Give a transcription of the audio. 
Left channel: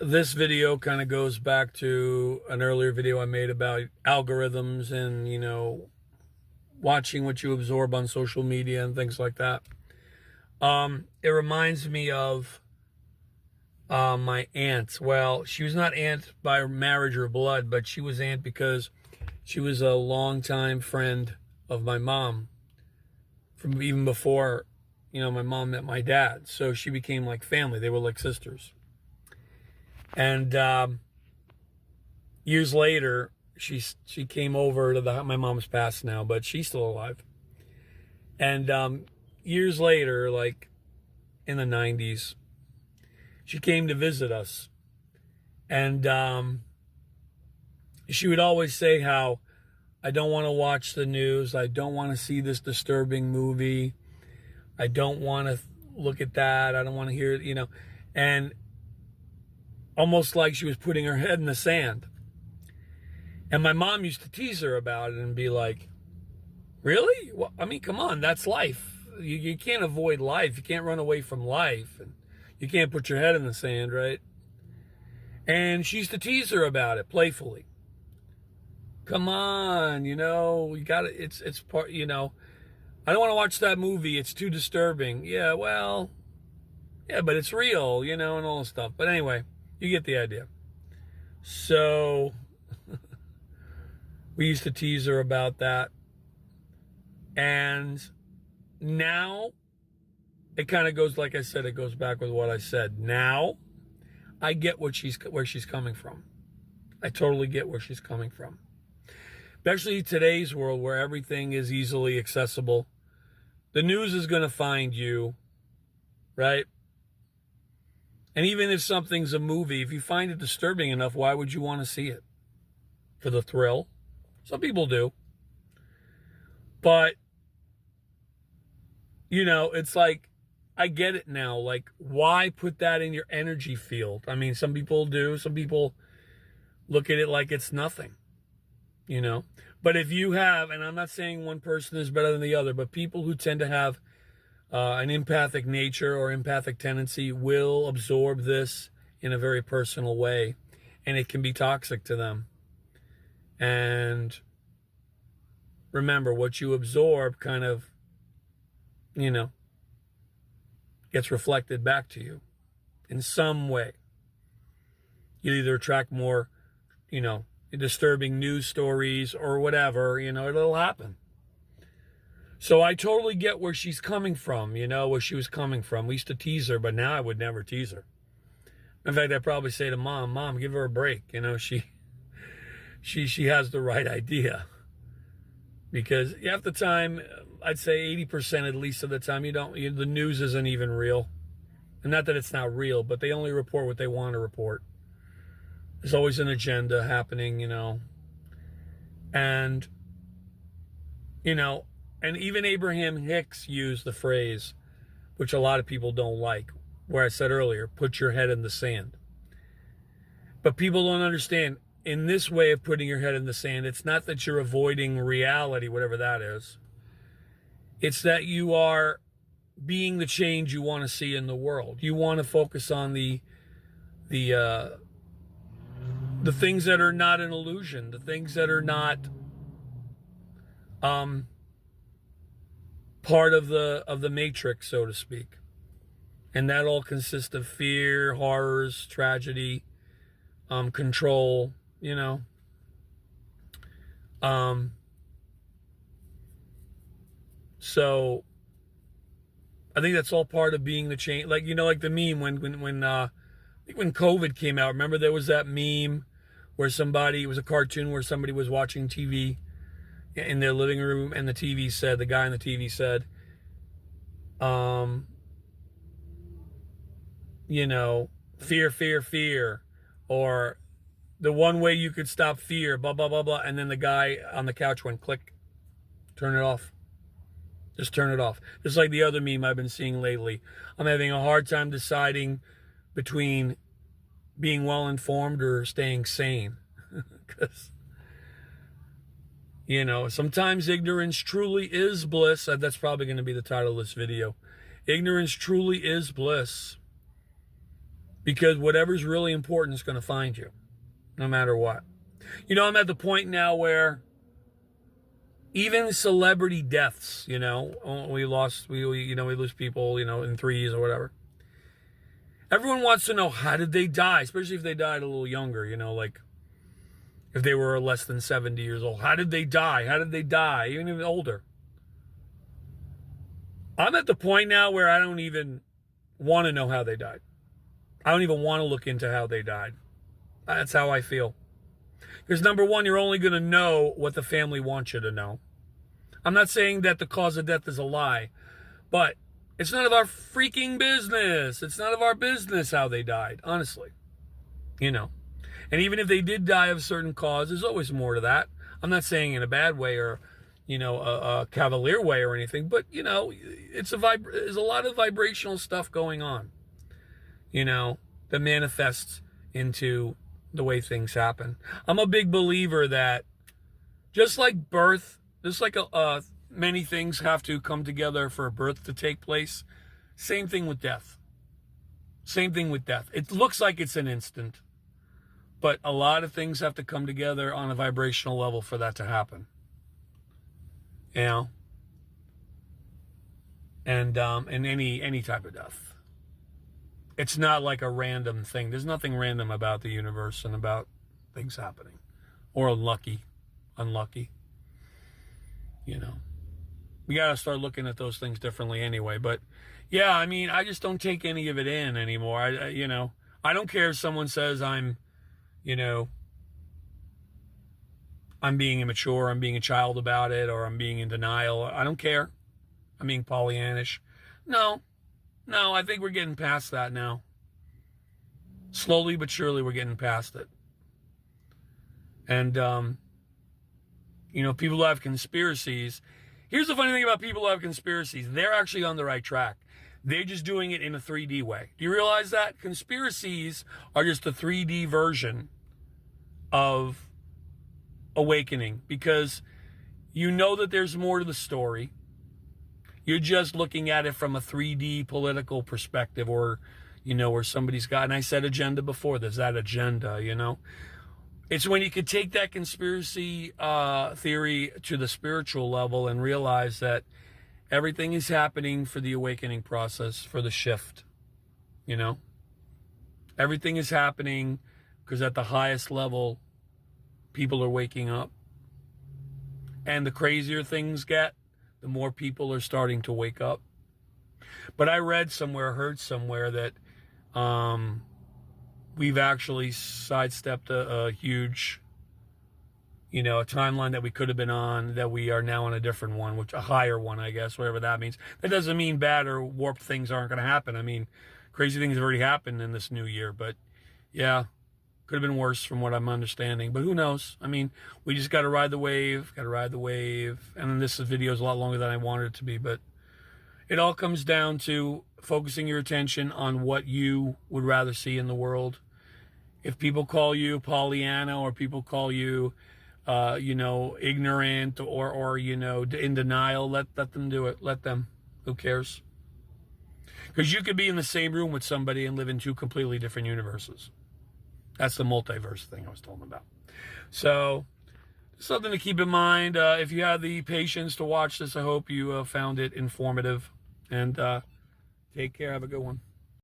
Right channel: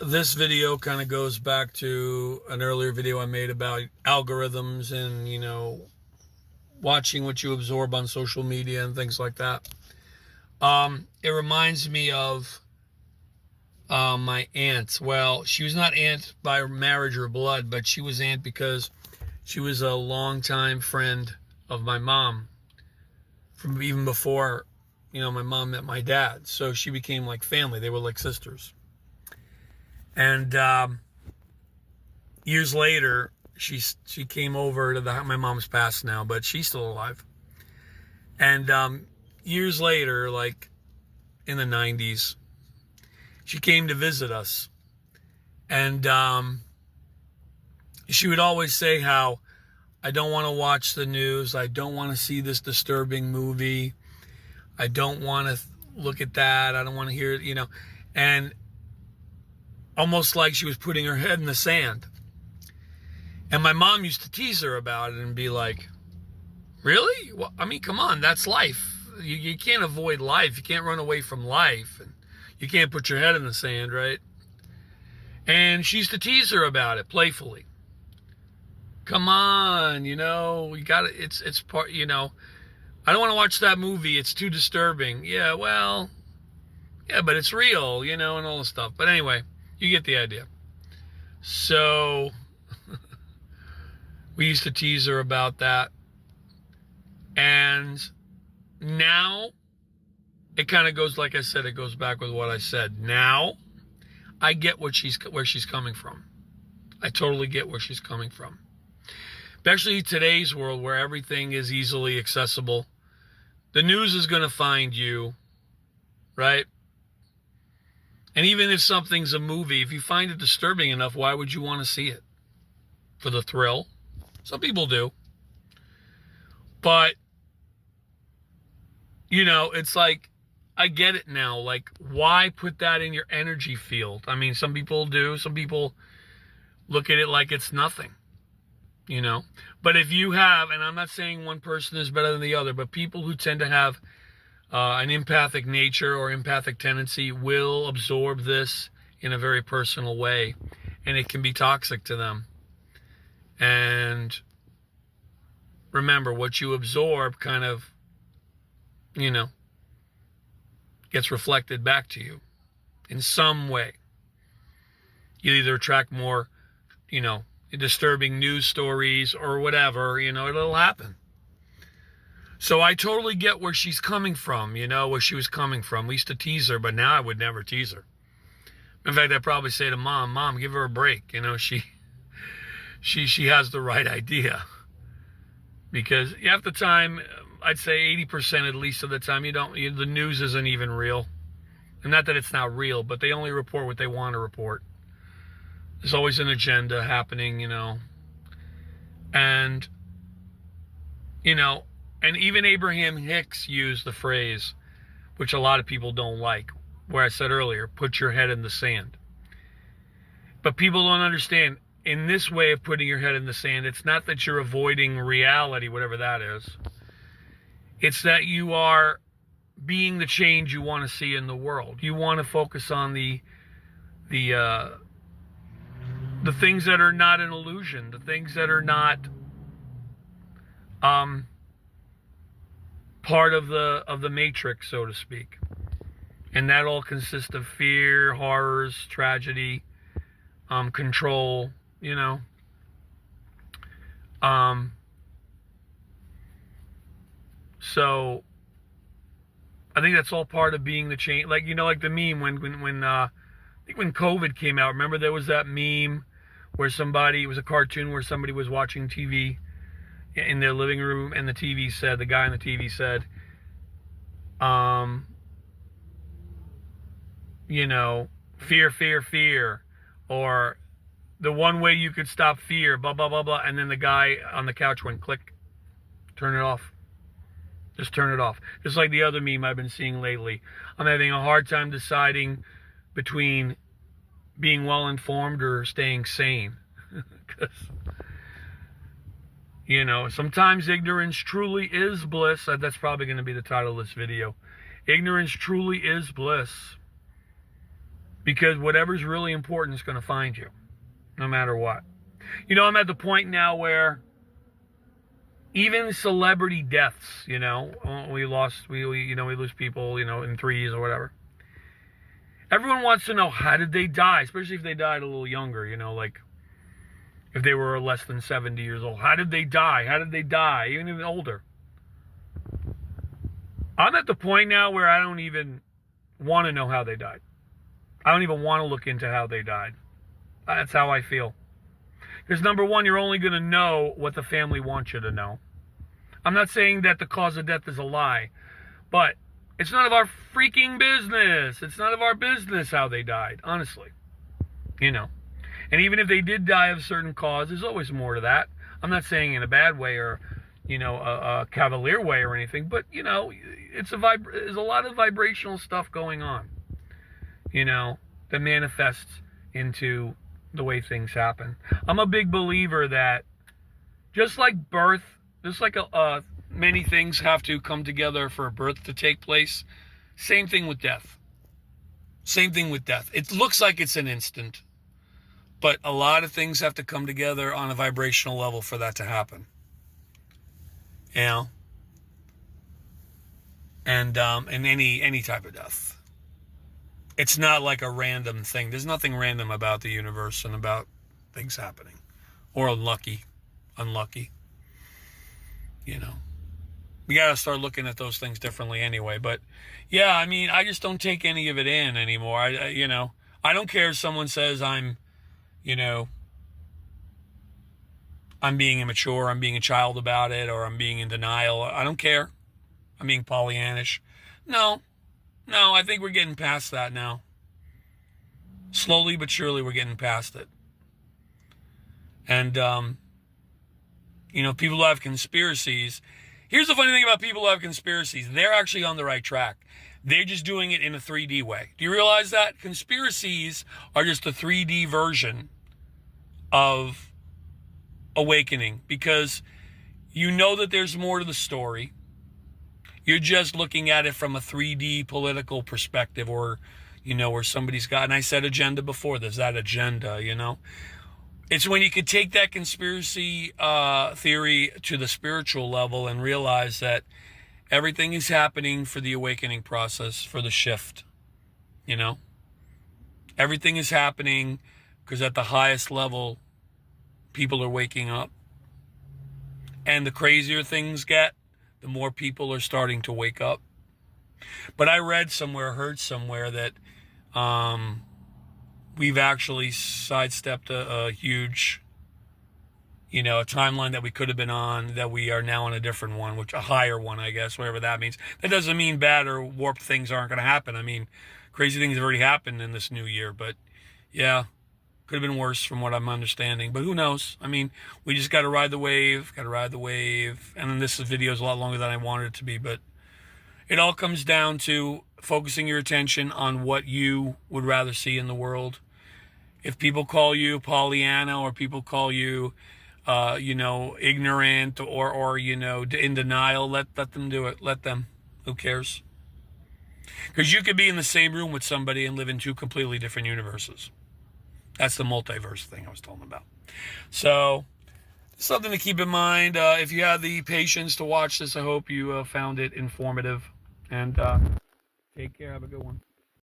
This video kind of goes back to an earlier video I made about algorithms and, watching what you absorb on social media and things like that. It reminds me of my aunt. Well, she was not aunt by marriage or blood, but she was aunt because she was a longtime friend of my mom from even before, my mom met my dad. So she became like family. They were like sisters. And years later, she came over to my mom's passed now, but she's still alive. And years later, like in the 90s, she came to visit us. And she would always say how, I don't want to watch the news. I don't want to see this disturbing movie. I don't want to look at that. I don't want to hear it, And almost like she was putting her head in the sand. And my mom used to tease her about it and be like, really? Well, I mean, come on, that's life. You can't avoid life. You can't run away from life. And you can't put your head in the sand, right? And she used to tease her about it playfully. Come on, you got to, it's part, I don't want to watch that movie. It's too disturbing. Yeah, well, yeah, but it's real, and all this stuff. But anyway, you get the idea. So we used to tease her about that. And now it kind of goes, like I said, it goes back with what I said. Now I get where she's coming from. I totally get where she's coming from. Especially today's world where everything is easily accessible. The news is going to find you, right? And even if something's a movie, if you find it disturbing enough, why would you want to see it? For the thrill? Some people do. But, it's like, I get it now. Like, why put that in your energy field? I mean, some people do. Some people look at it like it's nothing, But if you have, and I'm not saying one person is better than the other, but people who tend to have an empathic nature or empathic tendency will absorb this in a very personal way, and it can be toxic to them. And remember, what you absorb kind of, gets reflected back to you in some way. You either attract more, disturbing news stories or whatever, it'll happen. So I totally get where she's coming from, where she was coming from. We used to tease her, but now I would never tease her. In fact, I'd probably say to Mom, give her a break. She has the right idea. Because half the time, I'd say 80% at least of the time, the news isn't even real. And not that it's not real, but they only report what they want to report. There's always an agenda happening, And, and even Abraham Hicks used the phrase, which a lot of people don't like, where I said earlier, put your head in the sand. But people don't understand, in this way of putting your head in the sand, it's not that you're avoiding reality, whatever that is. It's that you are being the change you want to see in the world. You want to focus on the things that are not an illusion, the things that are not part of the matrix, so to speak. And that all consists of fear, horrors, tragedy, control, So I think that's all part of being the change. Like, like the meme when I think when COVID came out, remember there was that meme where it was a cartoon where somebody was watching TV in their living room and the guy on the TV said, fear, fear, fear, or the one way you could stop fear, blah, blah, blah, blah. And then the guy on the couch went, click, turn it off. Just turn it off. Just like the other meme I've been seeing lately. I'm having a hard time deciding between being well-informed or staying sane. Because, sometimes ignorance truly is bliss. That's probably going to be the title of this video. Ignorance truly is bliss. Because whatever's really important is going to find you, no matter what. You know, I'm at the point now where even celebrity deaths, you know, we lose people, you know, in threes or whatever. Everyone wants to know, how did they die? Especially if they died a little younger, you know, like if they were less than 70 years old. How did they die? How did they die? Even older. I'm at the point now where I don't even want to know how they died. I don't even want to look into how they died. That's how I feel. Because number one, you're only going to know what the family wants you to know. I'm not saying that the cause of death is a lie, but it's none of our freaking business. It's none of our business how they died, honestly. You know. And even if they did die of a certain cause, there's always more to that. I'm not saying in a bad way or, you know, a cavalier way or anything, but, you know, there's a lot of vibrational stuff going on, you know, that manifests into the way things happen. I'm a big believer that just like birth, just like many things have to come together for a birth to take place, same thing with death. Same thing with death. It looks like it's an instant, but a lot of things have to come together on a vibrational level for that to happen. You know? And in any type of death. It's not like a random thing. There's nothing random about the universe and about things happening. Or unlucky. You know. We got to start looking at those things differently anyway. But, yeah, I mean, I just don't take any of it in anymore. I don't care if someone says I'm being immature, I'm being a child about it, or I'm being in denial. I don't care. I'm being Pollyannish. No, I think we're getting past that now. Slowly but surely we're getting past it. And, people who have conspiracies. Here's the funny thing about people who have conspiracies. They're actually on the right track. They're just doing it in a 3D way. Do you realize that? Conspiracies are just a 3D version of awakening, because you know that there's more to the story. You're just looking at it from a 3D political perspective, or, where somebody's got, and I said agenda before, there's that agenda, It's when you could take that conspiracy theory to the spiritual level and realize that everything is happening for the awakening process, for the shift, Everything is happening because at the highest level, people are waking up. And the crazier things get, the more people are starting to wake up. But I heard somewhere that we've actually sidestepped a huge, a timeline that we could have been on, that we are now on a different one, which a higher one, I guess, whatever that means. That doesn't mean bad or warped things aren't going to happen. I mean, crazy things have already happened in this new year, but yeah, could have been worse from what I'm understanding, but who knows? I mean, we just got to ride the wave, and then this video is a lot longer than I wanted it to be, but it all comes down to focusing your attention on what you would rather see in the world. If people call you Pollyanna, or people call you, ignorant, or in denial, let them do it. Let them. Who cares? Because you could be in the same room with somebody and live in two completely different universes. That's the multiverse thing I was talking about. So, something to keep in mind. If you have the patience to watch this, I hope you found it informative. And take care. Have a good one.